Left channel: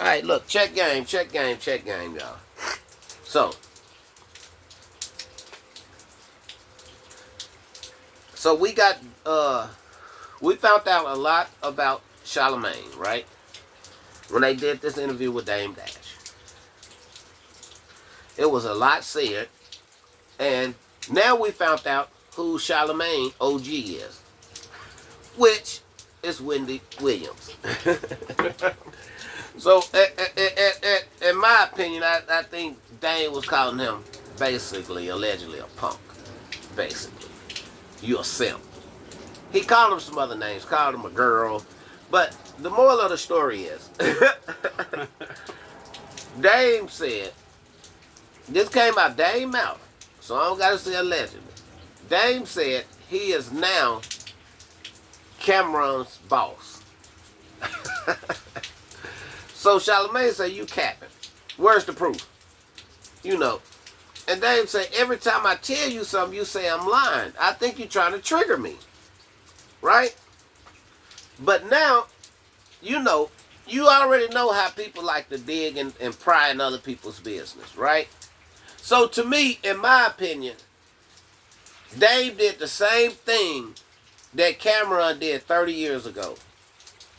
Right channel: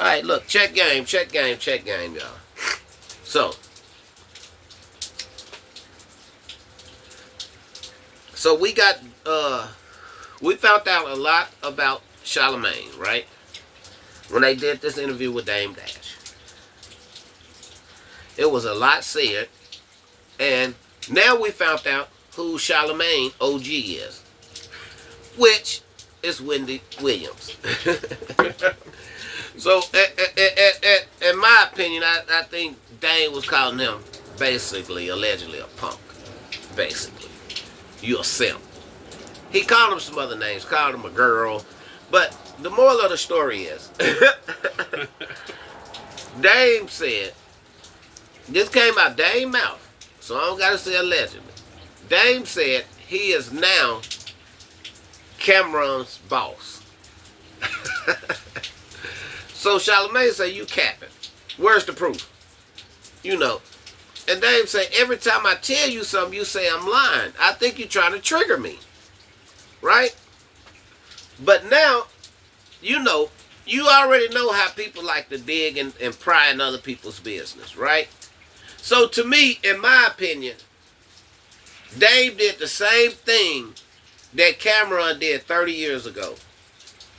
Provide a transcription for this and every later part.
All right, look, check game, y'all. So, so we got we found out a lot about Charlemagne, right? When they did this interview with Dame Dash, it was a lot said, and now we found out who Charlemagne OG is, which is Wendy Williams. So, in my opinion, I think Dane was calling him basically, allegedly, a punk. Basically, you a simp. He called him some other names, called him a girl, but the moral of the story is, Dame said, this came out Dame mouth, so I don't gotta say allegedly. Dame said he is now Cameron's boss. So Charlemagne say, you capping. Where's the proof? You know. And Dame say, every time I tell you something, you say I'm lying. I think you're trying to trigger me. Right? But now, you know, you already know how people like to dig and pry in other people's business, right? So to me, in my opinion, Dave did the same thing that Cameron did 30 years ago.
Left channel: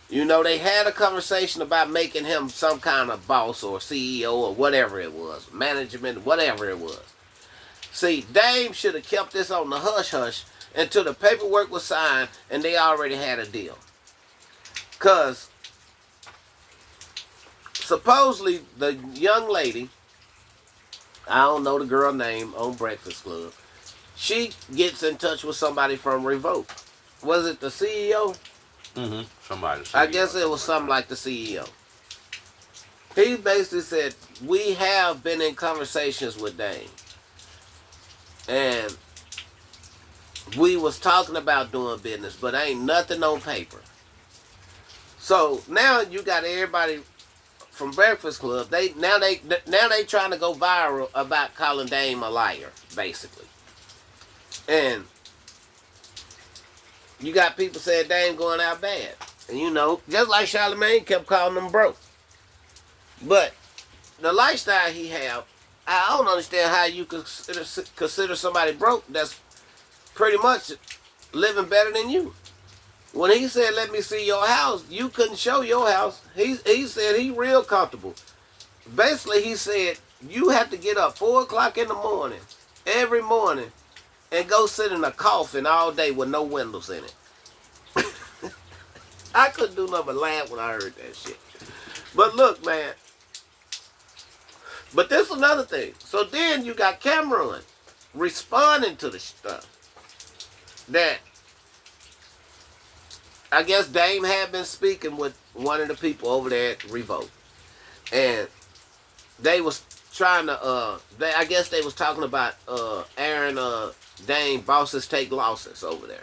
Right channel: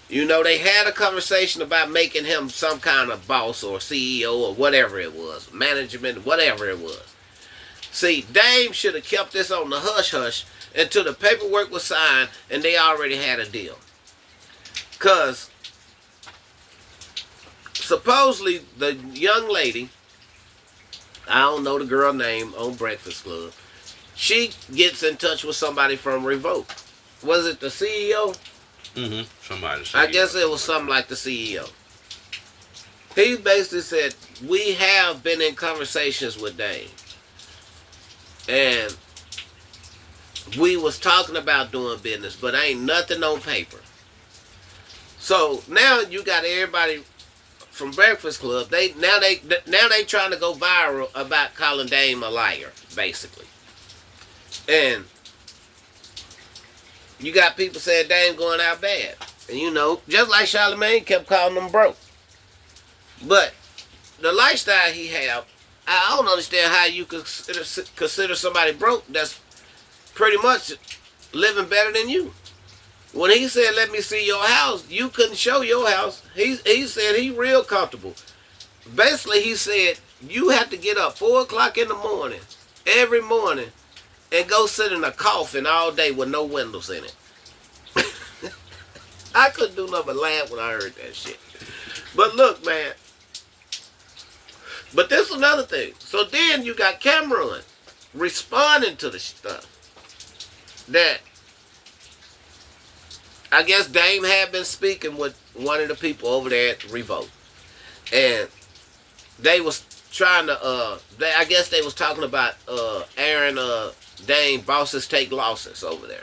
You know, they had a conversation about making him some kind of boss or CEO or whatever it was, management, whatever it was. See, Dame should have kept this on the hush-hush until the paperwork was signed and they already had a deal. Because supposedly the young lady, I don't know the girl name on Breakfast Club, she gets in touch with somebody from Revolt. Was it the CEO? Mm-hmm. Somebody said. I guess it was something like the CEO. He basically said, we have been in conversations with Dane. And we was talking about doing business, but ain't nothing on paper. So now you got everybody from Breakfast Club. They trying to go viral about calling Dame a liar, basically. And you got people saying Dame going out bad. And you know, just like Charlemagne kept calling them broke. But the lifestyle he have, I don't understand how you could consider somebody broke that's pretty much living better than you. When he said, let me see your house, you couldn't show your house. He said he real comfortable. Basically, he said, you have to get up 4 o'clock in the morning, every morning, and go sit in a coffin all day with no windows in it. I couldn't do nothing but laugh when I heard that shit. But look, man. But this is another thing. So then you got Cameron responding to the stuff that I guess Dame had been speaking with one of the people over there at Revolt. And they was trying to, I guess they was talking about Aaron Dame bosses take losses over there.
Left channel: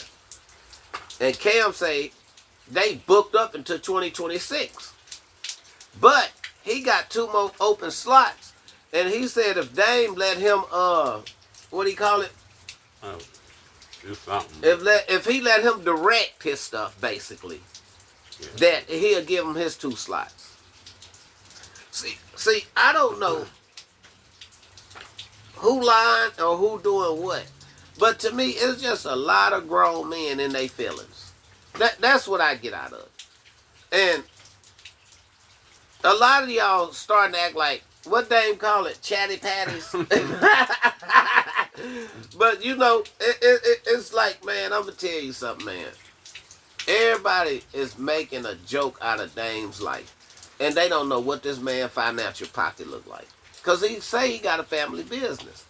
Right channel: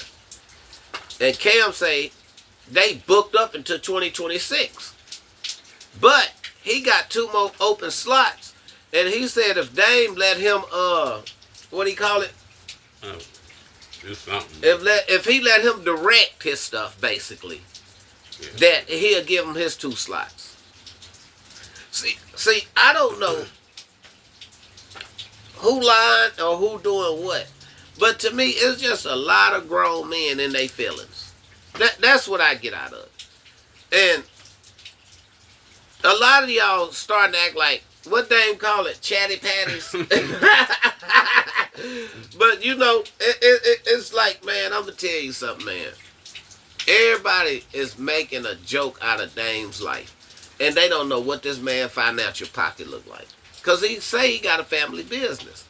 And Cam say they booked up until 2026. But he got 2 more open slots. And he said if Dame let him, what do you call it? Do something. If he let him direct his stuff, basically, yeah, that he'll give him his 2 slots. See, I don't know who lying or who doing what. But to me, it's just a lot of grown men in their feelings. That's what I get out of it. And a lot of y'all starting to act like, what Dame call it, chatty patties. But you know, it's like, man, I'm gonna tell you something, man. Everybody is making a joke out of Dame's life, and they don't know what this man's financial pocket look like. Cause he say he got a family business.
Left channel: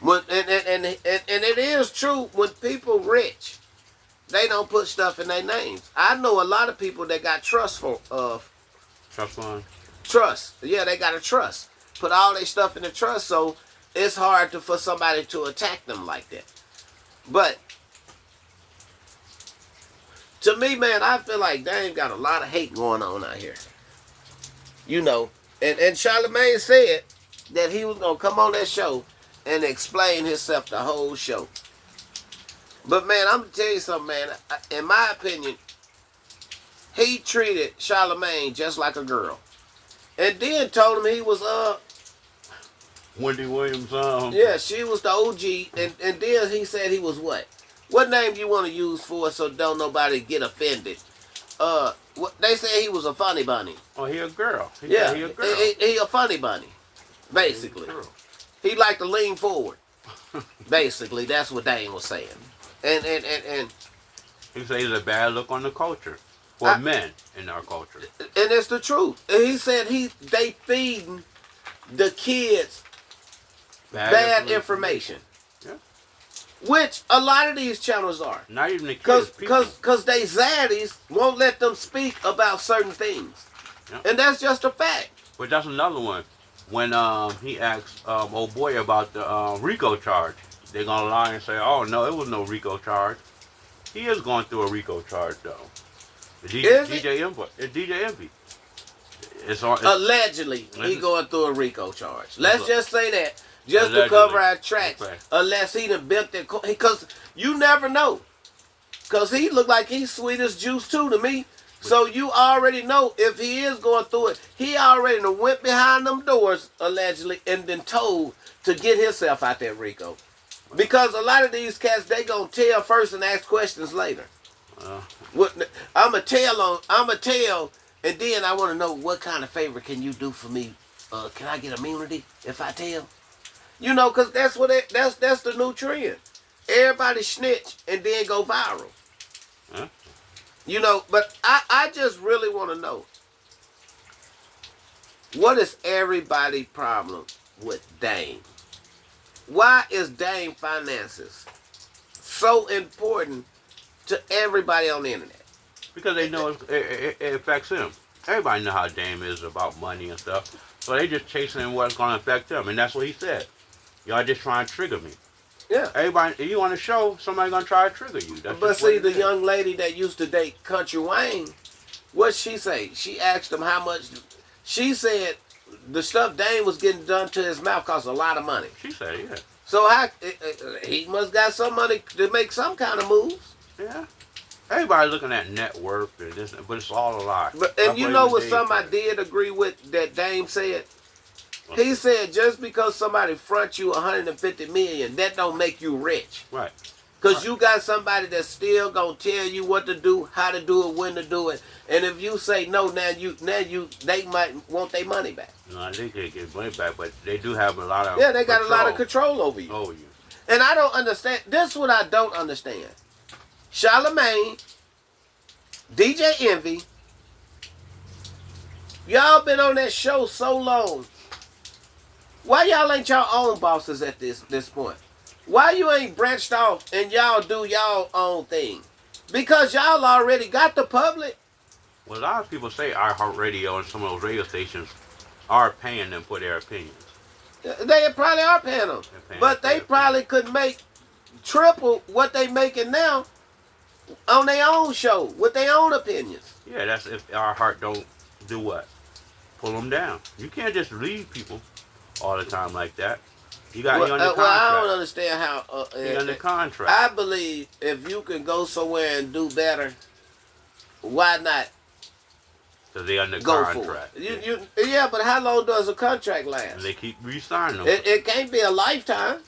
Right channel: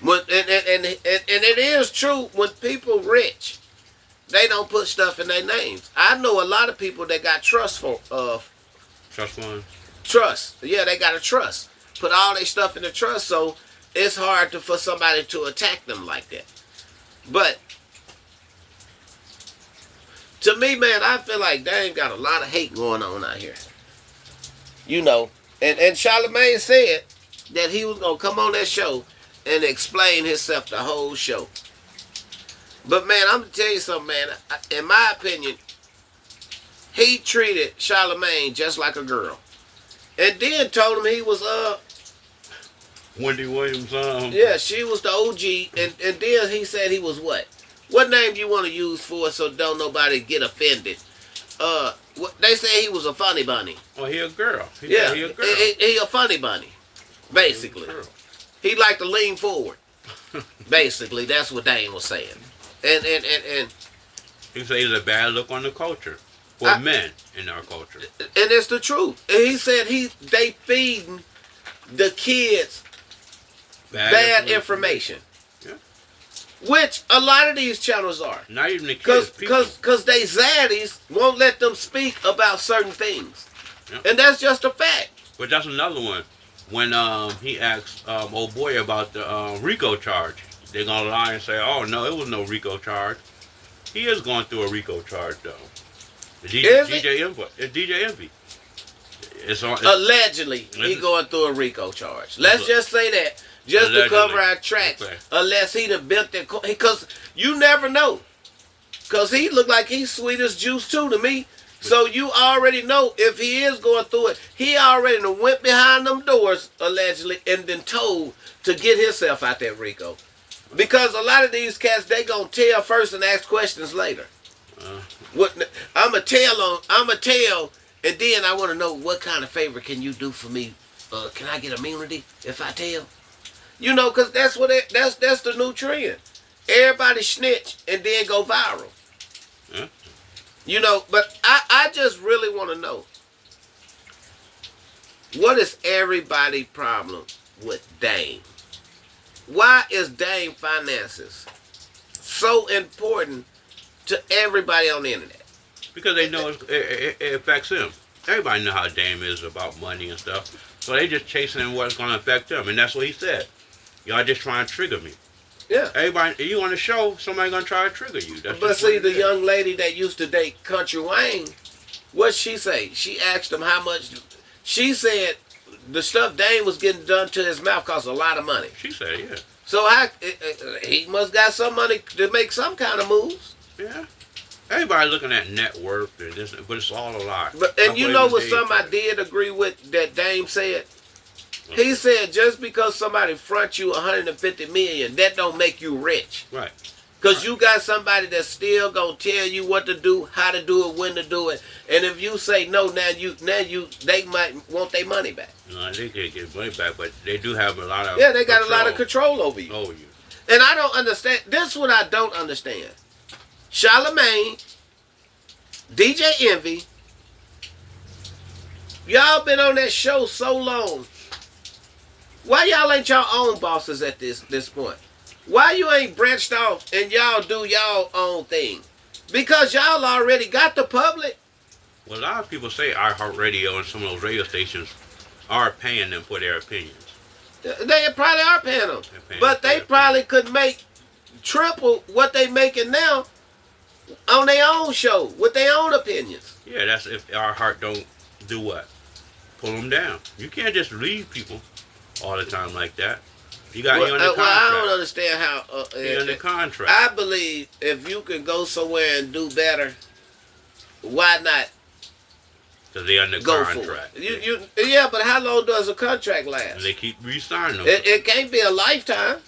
When and it is true, when people rich, they don't put stuff in their names. I know a lot of people that got trust fund. Trust. Yeah, they got a trust. Put all their stuff in the trust, so it's hard for somebody to attack them like that. But to me, man, I feel like Dame got a lot of hate going on out here. You know, and Charlemagne said that he was gonna come on that show and explain himself the whole show. But man, I'm gonna tell you something, man. In my opinion, he treated Charlemagne just like a girl. and then told him he was Wendy Williams. yeah, she was the OG, and then he said he was what? What name do you want to use for it so don't nobody get offended? They say he was a funny bunny. Oh, he a girl. Yeah, he a girl. He a funny bunny, basically. He like to lean forward. Basically, that's what Dane was saying. And he said he's a bad look on the culture for men in our culture. And it's the truth. And he said they feeding the kids bad information. Yeah. Which a lot of these channels are. Not even the kids. Because they zaddies won't let them speak about certain things. Yeah. And that's just a fact. But that's another one. When he asked old boy about the RICO charge, they're going to lie and say, oh, no, it was no RICO charge. He is going through a RICO charge, though. DJ Envy. It's on, Allegedly, he going through a RICO charge. Let's just say that. Just allegedly. To cover our tracks. Okay. Unless he done built that. Because you never know. Because he look like he's sweet as juice, too, to me. So you already know if he is going through it. He already done went behind them doors, allegedly, and been told to get himself out that RICO. Because a lot of these cats, they gonna tell first and ask questions later. I'ma tell, and then I want to know what kind of favor can you do for me? Can I get immunity if I tell? You know, because that's that's the new trend. Everybody snitch and then go viral. Yeah. You know, but I just really want to know, what is everybody's problem with Dame? Why is Dame finances so important to everybody on the internet? Because they know it affects him. Everybody know how Dame is about money and stuff. So they just chasing what's going to affect them. And that's what he said. Y'all just trying to trigger me. Yeah. Everybody, you on the show, somebody going to try to trigger you. That's but see, the young lady that used to date Country Wayne, what'd she say? She asked him how much. She said the stuff Dame was getting done to his mouth cost a lot of money. She said, yeah. So he must got some money to make some kind of moves. Yeah. Everybody looking at net worth, and this, but it's all a lie. And you know what something I did agree with that Dame said? He said just because somebody fronts you $150 million, that don't make you rich. Right. Because you got somebody that's still gonna tell you what to do, how to do it, when to do it. And if you say no, they might want their money back. No, they can't get money back, but they do have a lot of they got a lot of control over you. Over you. And I don't understand. This is what I don't understand. Charlamagne, DJ Envy, y'all been on that show so long. Why y'all ain't y'all own bosses at this point? Why you ain't branched off and y'all do y'all own thing? Because y'all already got the public. Well, a lot of people say iHeartRadio and some of those radio stations are paying them for their opinions. They probably are paying them. But they probably could make triple what they making now on their own show with their own opinions. Yeah, that's if our heart don't do what? Pull them down. You can't just leave people all the time like that. You got you under contract. Well, I don't understand how. You're under contract. I believe if you can go somewhere and do better, why not? Because they under go contract. For it. Yeah, but how long does a contract last? And they keep re-signing them. It can't be a lifetime.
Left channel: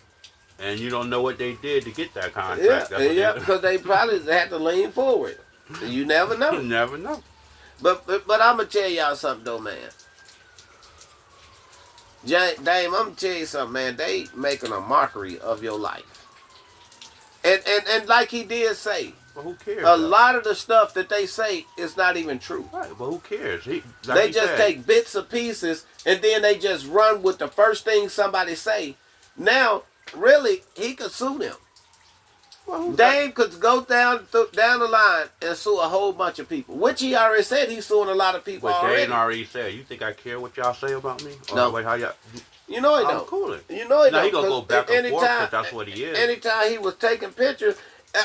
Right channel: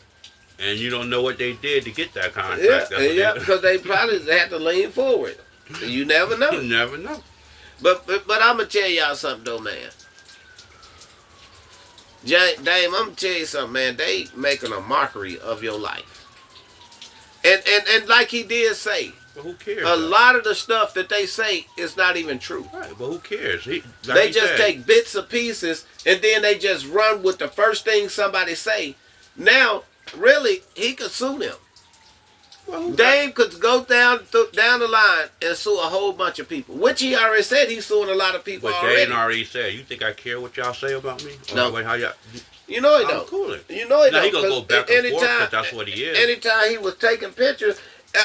And you don't know what they did to get that contract. Yeah, because they probably had to lean forward. You never know. You never know. But I'm gonna tell y'all something though, man. Dame, I'm gonna tell you something, man. They making a mockery of your life. And like he did say, but who cares? A lot of the stuff that they say is not even true. Right, but who cares? They just take bits and pieces and then they just run with the first thing somebody say. Now, really, he could sue them. Well, Dame could go down the line and sue a whole bunch of people, which he already said he's suing a lot of people already. But already said, you think I care what y'all say about me? Or no. How y'all, you know he I'm don't. Cool. You know he now don't. He gonna go back and forth because that's what he is. Anytime he was taking pictures,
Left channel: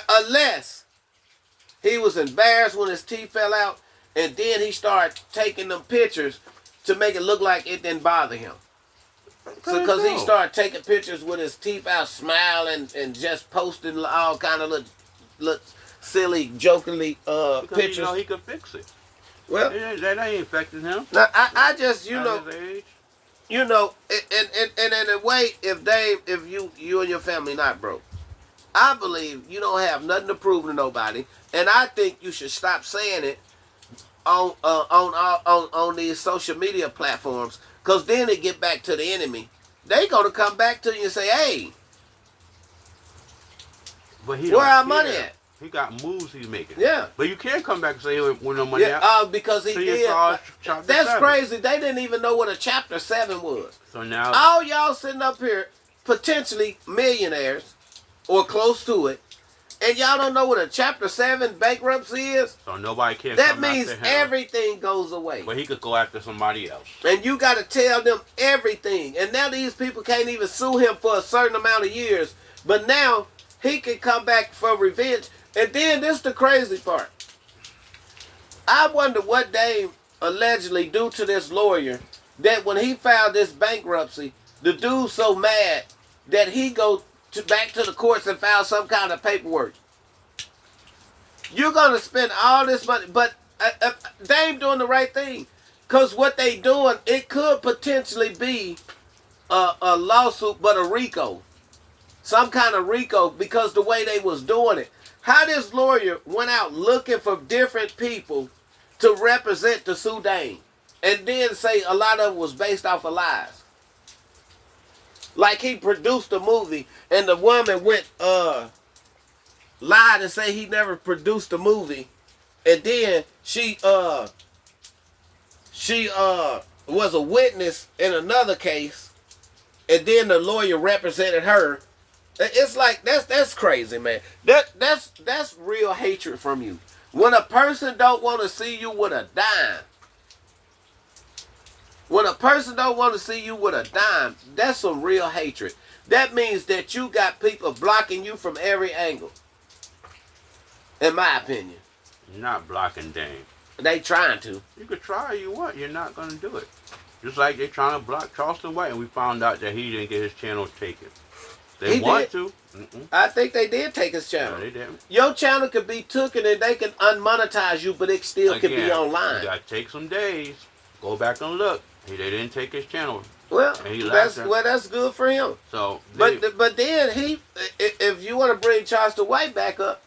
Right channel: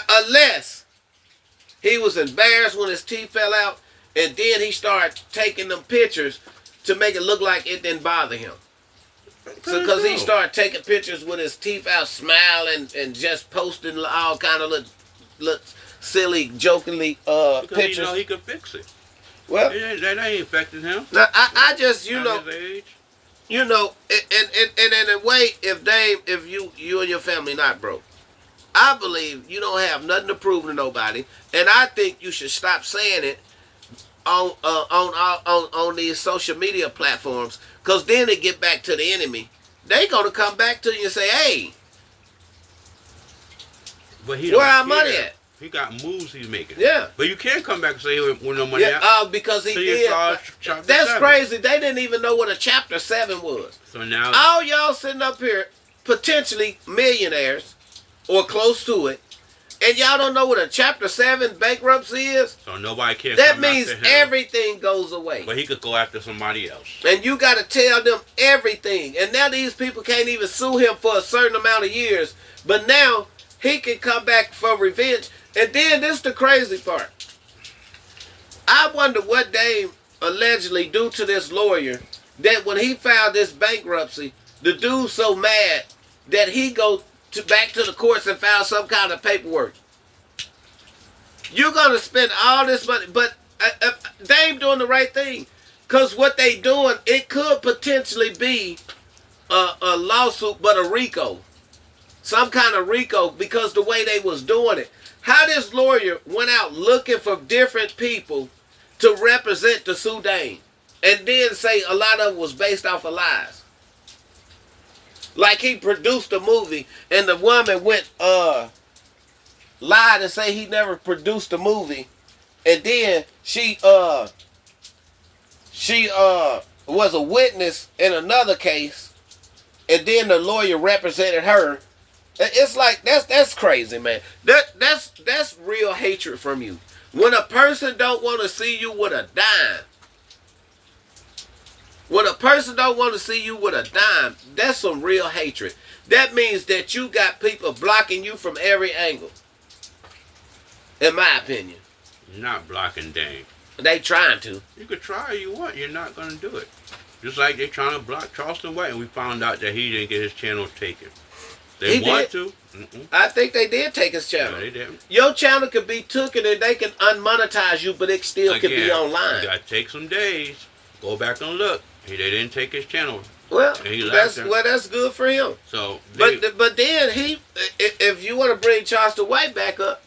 unless he was embarrassed when his teeth fell out, and then he started taking them pictures to make it look like it didn't bother him. Because he started taking pictures with his teeth out, smiling, and just posting all kind of little silly, jokingly because pictures. Because he could fix it. Well, That ain't affecting him. now I just At his age. and in a way, if you and your family not broke, I believe you don't have nothing to prove to nobody, and I think you should stop saying it on these social media platforms, because then they get back to the enemy. They gonna come back to you and say, "Hey, But he where don't our care. money at?" He got moves he's making. Yeah. But you can't come back and say with no money Yeah, out. because he So you did. saw chapter That's 7. crazy. They didn't even know what a chapter 7 was. So now All y'all sitting up here, potentially millionaires or close to it, and y'all don't know what a chapter 7 bankruptcy is. so nobody can That come means after him. everything goes away. But he could go after somebody else. And you got to tell them everything. And now these people can't even sue him for a certain amount of years. But now he can come back for revenge. And then this is the crazy part. I wonder what they allegedly do to this lawyer that when he filed this bankruptcy, the dude's so mad that he go back to the courts and file some kind of paperwork. You're going to spend all this money, but they ain't doing the right thing. Because what they doing, it could potentially be a lawsuit, but a RICO. Some kind of RICO, because the way they was doing it. How this lawyer went out looking for different people to represent the Sudan, and then say a lot of it was based off of lies. Like he produced a movie, and the woman went lied and say he never produced a movie, and then she was a witness in another case, and then the lawyer represented her. It's like that's crazy, man. That's real hatred from you. When a person don't want to see you with a dime, that's some real hatred. That means that you got people blocking you from every angle. In my opinion, You're not blocking Dane. they trying to. You could try all you want. You're not going to do it. Just like they're trying to block Charleston White, and we found out that he didn't get his channel taken. They want to. I think they did take his channel. No, they didn't. Your channel could be taken and they can unmonetize you, but it still could be online. You got to take some days. Go back and look. They didn't take his channel. Well, And he that's laughed at that's good for him. So, But then if you want to bring Charleston White back up,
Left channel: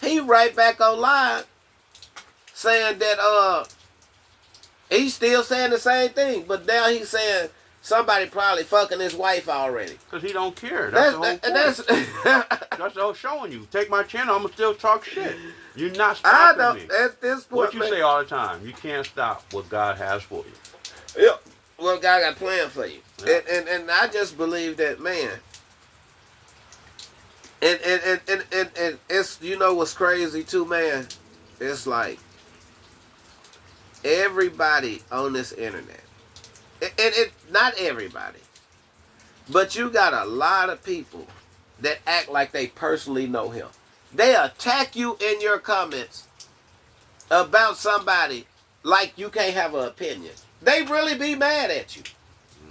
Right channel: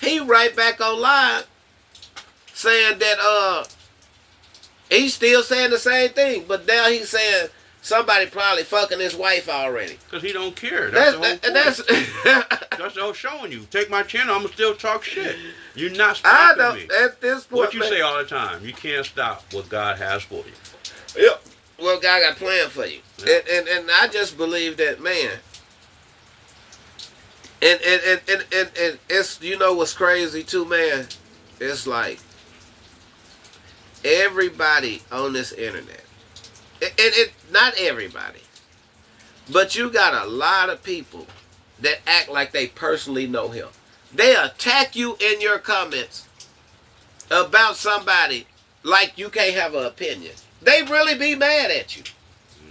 he right back online saying that he's still saying the same thing, but now he's saying somebody probably fucking his wife already. because he don't care. That's the whole point. That's That's all showing you. Take my channel, I'm going to still talk shit. You're not I stopping don't me. at this point. What you man, say all the time, you can't stop what God has for you. Yep. Well, God got a plan for you, Yeah. and I just believe that, man. And it's, you know what's crazy too, man. It's like everybody on this internet, and not everybody, but you got a lot of people that act like they personally know him. They attack you in your comments about somebody like you can't have an opinion. They really be mad at you.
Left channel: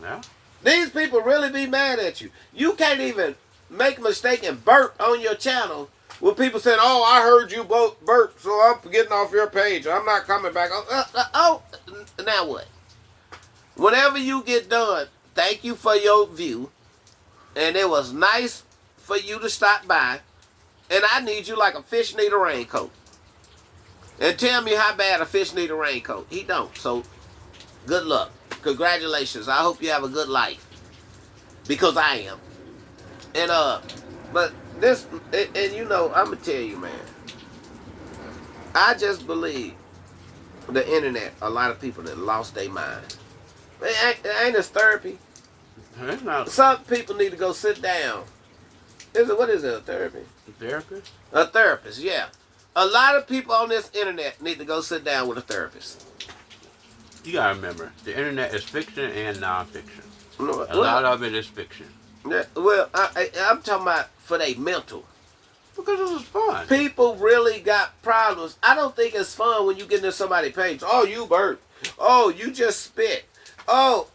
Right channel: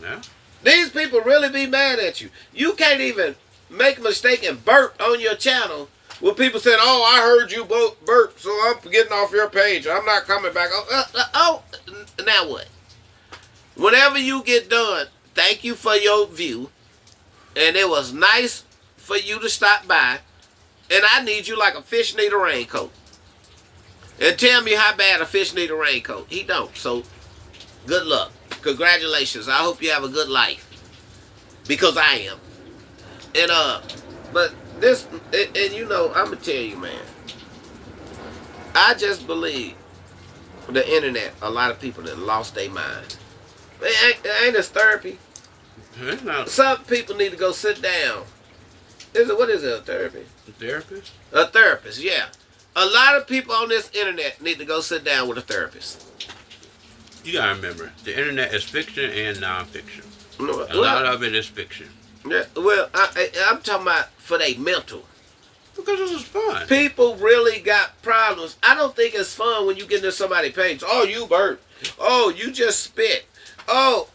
Yeah. These people really be mad at you. You can't even make a mistake and burp on your channel with people saying, "Oh, I heard you burp, so I'm getting off your page. I'm not coming back." Now what? Whenever you get done, thank you for your view, and it was nice for you to stop by, and I need you like a fish need a raincoat. And tell me how bad a fish need a raincoat. He don't, so good luck. Congratulations. I hope you have a good life. Because I am. And but this, and you know, I'm gonna tell you, man. I just believe the internet, a lot of people that lost their mind. It ain't this therapy. It's not Some people need to go sit down. What is it, a therapy? a therapist. A therapist, yeah. A lot of people on this internet need to go sit down with a therapist. You gotta remember, the internet is fiction and non-fiction. A Well, lot of it is fiction. yeah, well, I'm talking about for their mental. Because this is fun. People really got problems. I don't think it's fun when you get into somebody's page. Oh, you burnt. Oh, you just spit. Oh,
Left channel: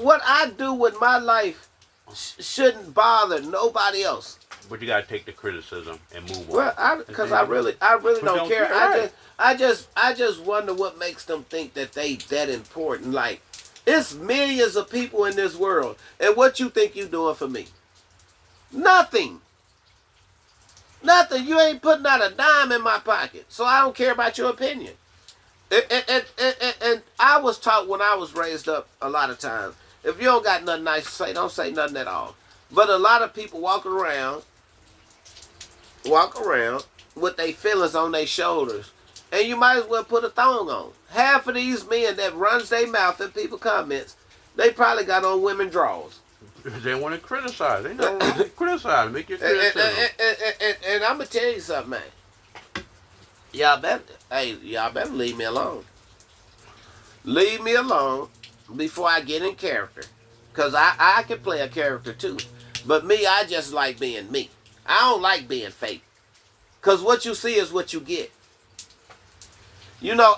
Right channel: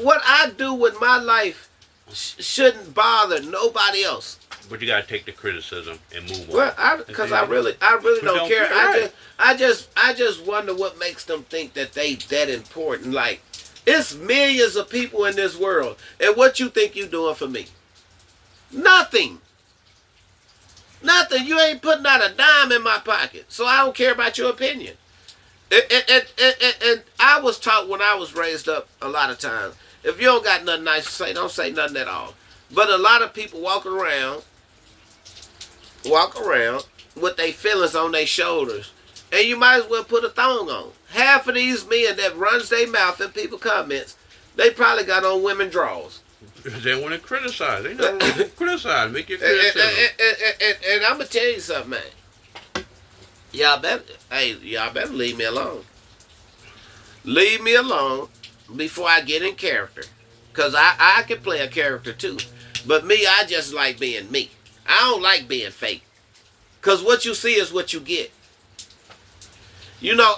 what I do with my life shouldn't bother nobody else. But you gotta take the criticism and move on. Well, because I really don't care. I just wonder what makes them think that they that important. Like, it's millions of people in this world, and what you think you doing for me? Nothing. Nothing. You ain't putting out a dime in my pocket, so I don't care about your opinion. And I was taught when I was raised up a lot of times, if you don't got nothing nice to say, don't say nothing at all. But a lot of people walk around with their feelings on their shoulders, and you might as well put a thong on. Half of these men that runs their mouth in people comments, they probably got on women drawers. They want to criticize. They don't want to criticize. Make your criticism. And I'm gonna tell you something, man. Y'all better leave me alone. Leave me alone before I get in character, cause I can play a character too. But me, I just like being me. I don't like being fake. Because what you see is what you get. You know,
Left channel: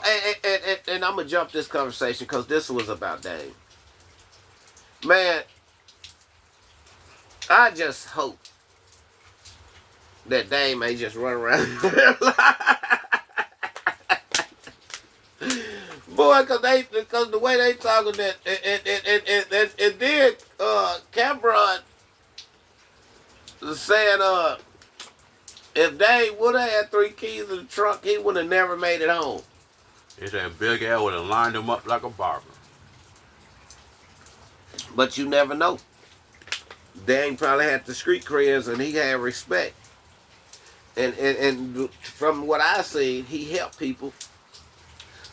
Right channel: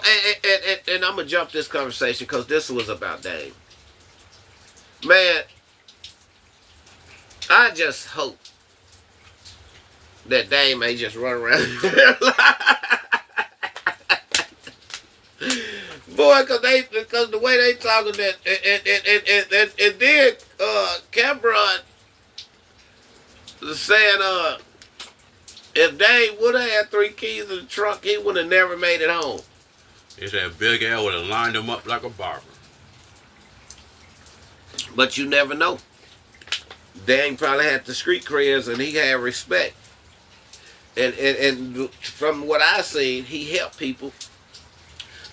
and I'm going to jump this conversation because this was about Dame. Man, I just hope that Dame ain't just run around. Boy, because the way they talking that, and then Cameron saying if Dame would have had 3 keys in the trunk, he would have never made it home. They said Big L would have lined him up like a barber. But you never know. Dame probably had the street creds and he had respect. And from what I seen, he helped people.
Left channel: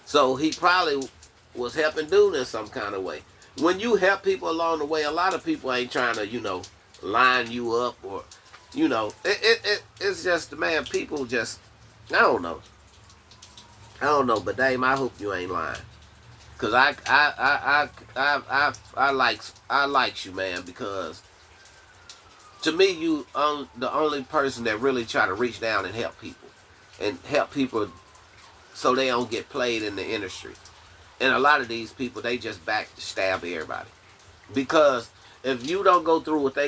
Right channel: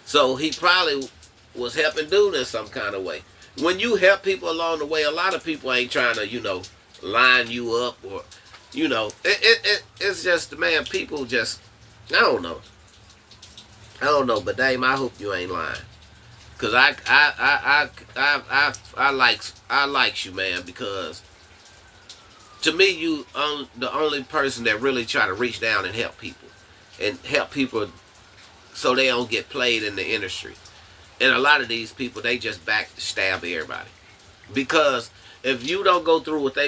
So he probably was helping dude in some kind of way. When you help people along the way, a lot of people ain't trying to, line you up or, it's just, man, people just, I don't know, but Dame, I hope you ain't lying. Cause I likes you, man, because to me, you the only person that really try to reach down and help people so they don't get played in the industry. And a lot of these people, they just backstab everybody. Because if you don't go through what they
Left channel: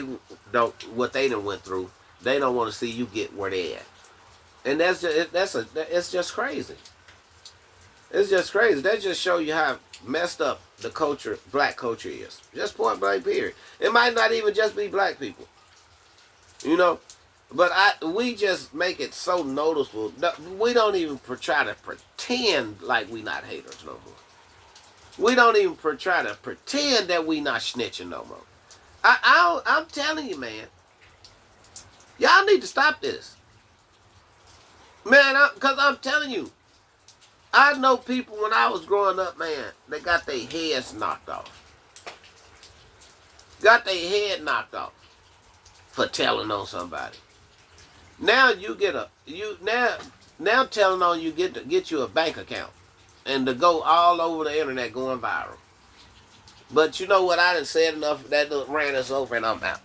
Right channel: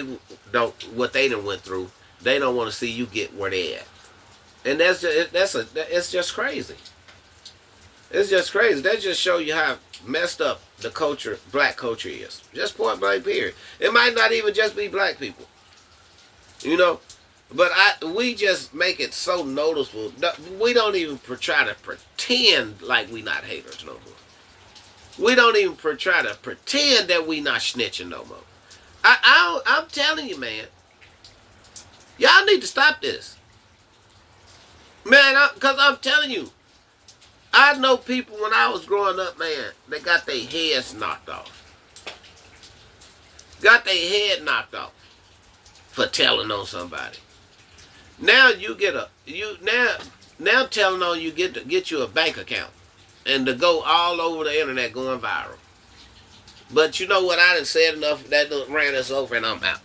done went through, they don't want to see you get where they at. And it's just crazy. It's just crazy. That just show you how messed up the culture, black culture is. Just point blank period. It might not even just be black people. But we just make it so noticeable. We don't even try to pretend like we not haters no more. We don't even try to pretend that we not snitching no more. I'm telling you, man. Y'all need to stop this. Man, because I'm telling you, I know people when I was growing up, man, they got their heads knocked off. Got their head knocked off for telling on somebody. Now you get now telling on you get you a bank account and to go all over the internet going viral. But you know what? I done said enough. That ran us over and I'm out.